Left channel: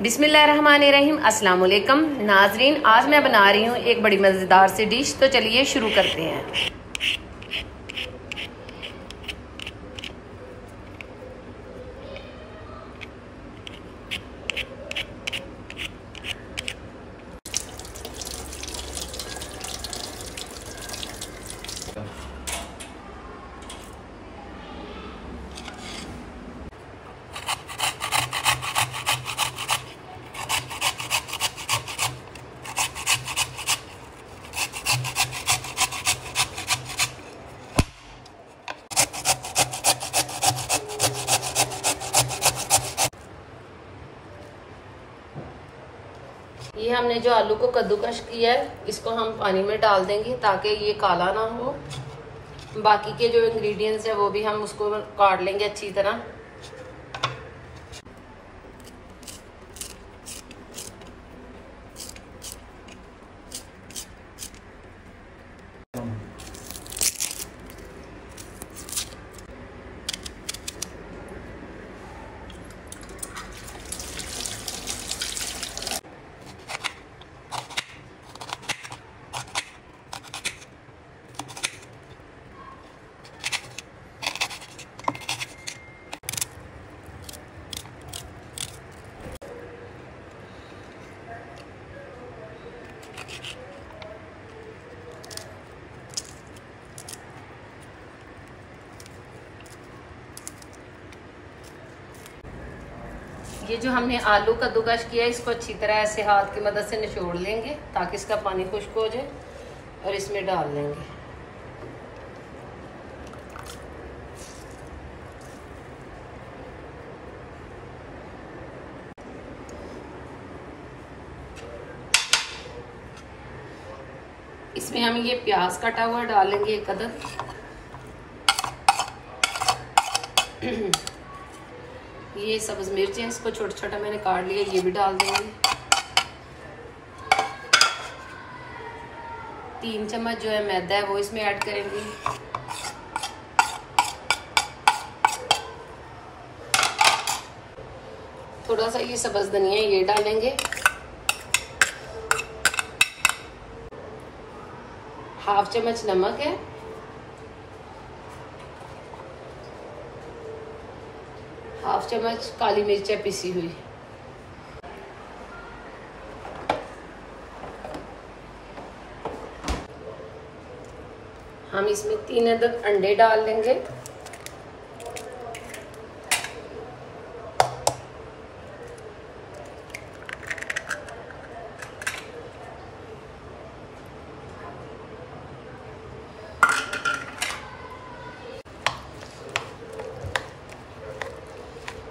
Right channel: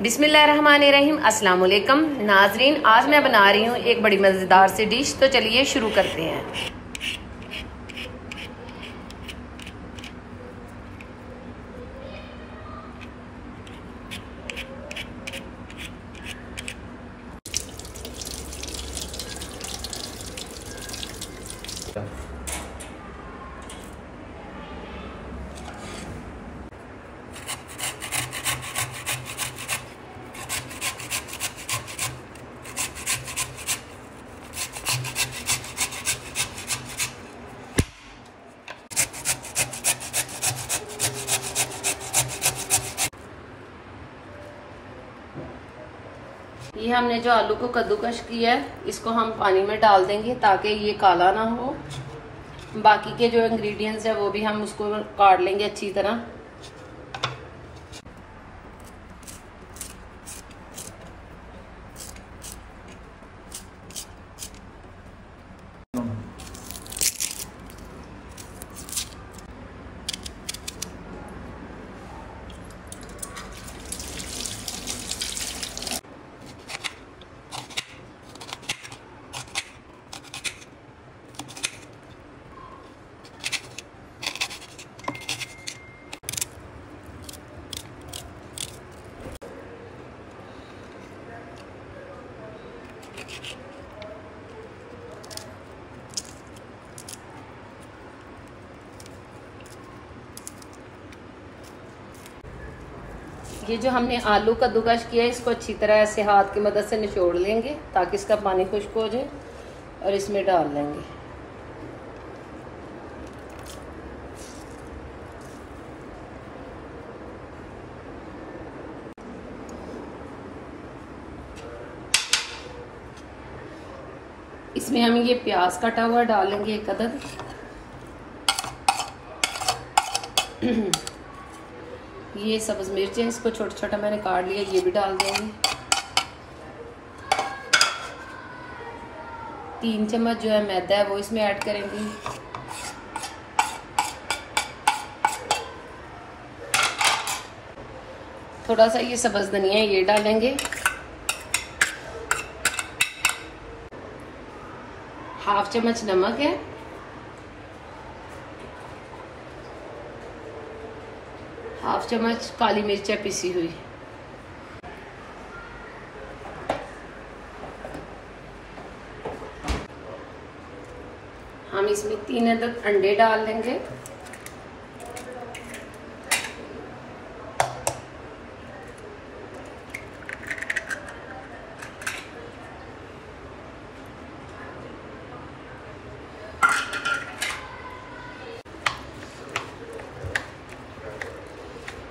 बिस्मिल्लाहिर्रहमानिर्रहीम। अस्सलाम वालेकुम नाजरीन, आज मैं बना रही हूँ एक बड़ी मज़ेदार सी डिश। तो चलिए शुरू करते हैं। ये हमने जो आलू को कद्दूकश किया है, इसको हम पानी में डाल देंगे ताकि ये काला ना हो। बाकी के जो इंग्रेडिएंट्स है वो भी हम उसको काट लेंगे अच्छी तरह। ये जो हमने आलू कद्दूकश किया है, इसको अच्छी तरह ऐसे हाथ की मदद से निचोड़ लेंगे ताकि इसका पानी खुश्क हो जाए और इसमें डाल लेंगे। इसमें हम ये प्याज कटा हुआ डालेंगे एक अदद। ये सब्ज मिर्च है, इसको छोटा छोटा मैंने काट लिया, ये भी डाल देंगे। 3 चम्मच जो है मैदा है वो इसमें ऐड करेंगे। थोड़ा सा ये सब्ज धनिया ये डालेंगे। हाफ चम्मच नमक है। हाफ चम्मच काली मिर्च है पिसी हुई। हम इसमें 3 अदद अंडे डाल लेंगे।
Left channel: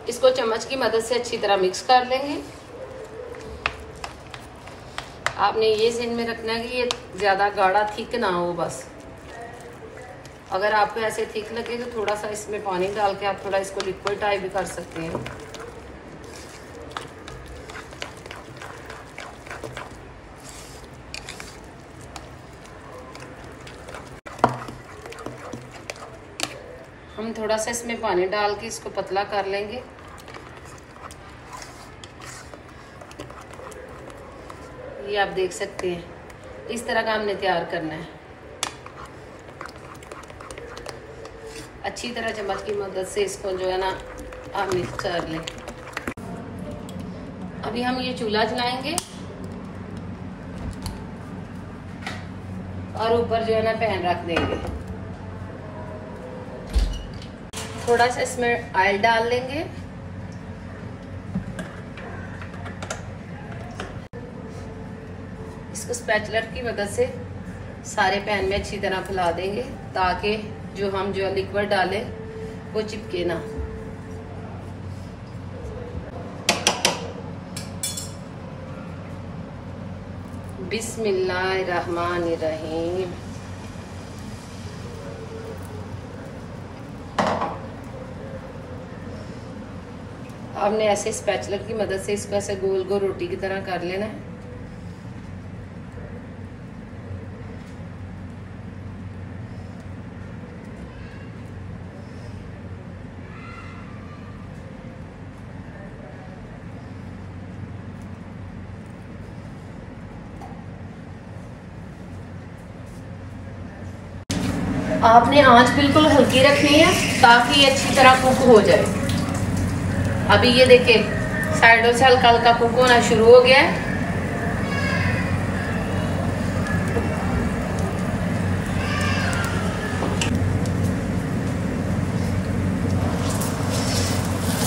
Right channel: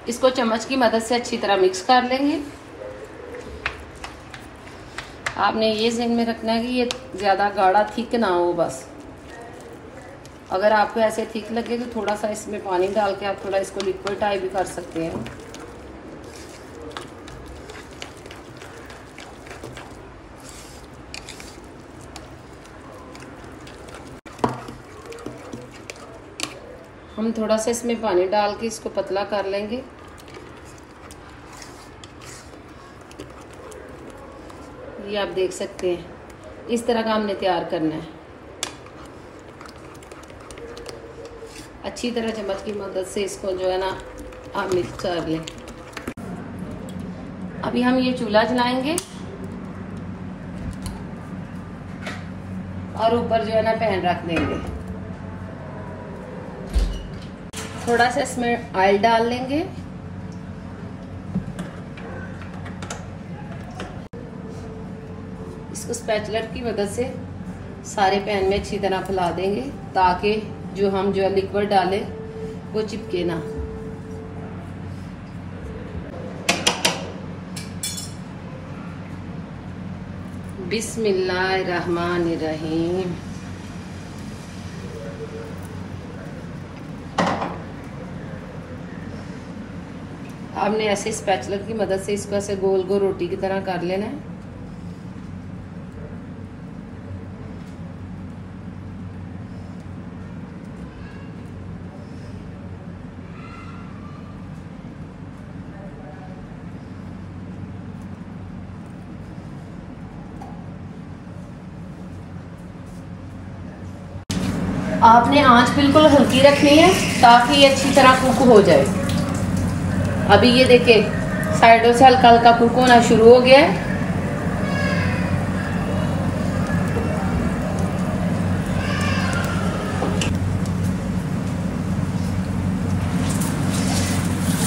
इसको चम्मच की मदद से अच्छी तरह मिक्स कर लेंगे। आपने ये ध्यान में रखना है कि ये ज्यादा गाढ़ा थिक ना हो। बस अगर आपको ऐसे थिक लगे तो थोड़ा सा इसमें पानी डाल के आप थोड़ा इसको लिक्विड टाइप भी कर सकते हैं। हम थोड़ा सा इसमें पानी डाल के इसको पतला कर लेंगे। ये आप देख सकते हैं, इस तरह का हमने तैयार करना है। अच्छी तरह चम्मच की मदद से इसको जो है ना आप मिक्स कर लें। अभी हम ये चूल्हा जलाएंगे और ऊपर जो है ना पैन रख देंगे। थोड़ा सा इसमें ऑयल डाल लेंगे। इसको स्पैचुलर की मदद से सारे पैन में अच्छी तरह फैला देंगे ताकि जो हम जो लिक्विड डालें वो चिपके ना। बिस्मिल्लाहिर्रहमानिर्रहीम। आपने ऐसे स्पैचुलर की मदद से इसको ऐसे गोल गोल रोटी की तरह कर लेना है। आपने आंच बिल्कुल हल्की रखनी है ताकि ये अच्छी तरह कुक हो जाए। अभी ये देखिए साइडों से हल्का हल्का कुक होना शुरू हो गया है।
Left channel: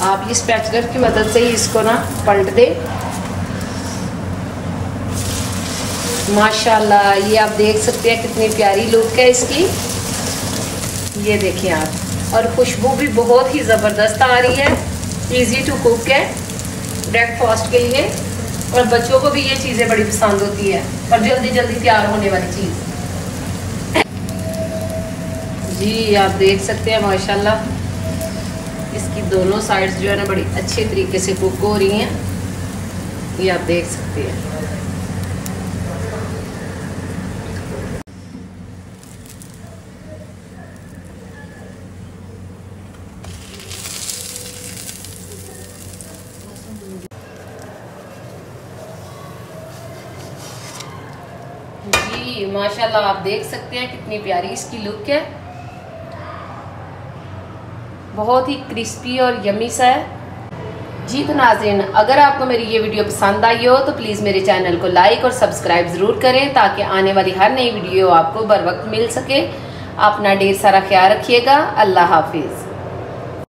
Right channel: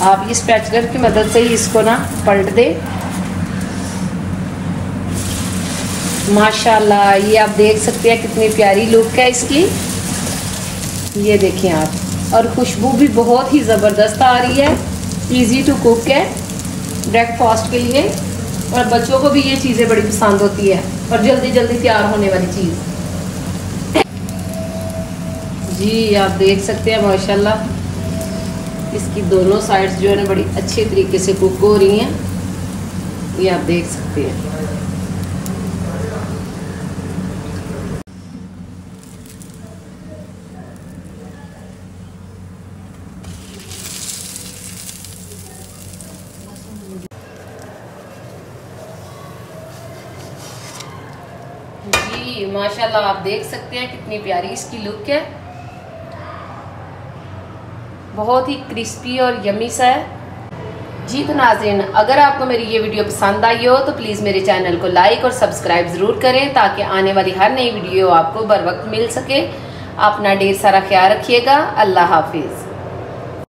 आप ये स्पैचुलर की मदद से ही इसको ना पलट दें। माशाल्लाह, ये आप देख सकते हैं कितनी प्यारी लुक है इसकी। ये देखें आप, और खुशबू भी बहुत ही ज़बरदस्त आ रही है। इजी टू कुक है ब्रेकफास्ट के लिए, और बच्चों को भी ये चीज़ें बड़ी पसंद होती है और जल्दी जल्दी तैयार होने वाली चीज़। जी आप देख सकते हैं माशाल्लाह इसकी दोनों साइड्स जो है ना बड़ी अच्छे तरीके से कुक हो रही हैं। ये आप देख सकते हैं। जी माशाल्लाह आप देख सकते हैं कितनी प्यारी इसकी लुक है, बहुत ही क्रिस्पी और यम्मी सा है। जी तो नाज़रीन, अगर आपको मेरी ये वीडियो पसंद आई हो तो प्लीज़ मेरे चैनल को लाइक और सब्सक्राइब ज़रूर करें ताकि आने वाली हर नई वीडियो आपको बर वक्त मिल सके। अपना ढेर सारा ख्याल रखिएगा। अल्लाह हाफिज़।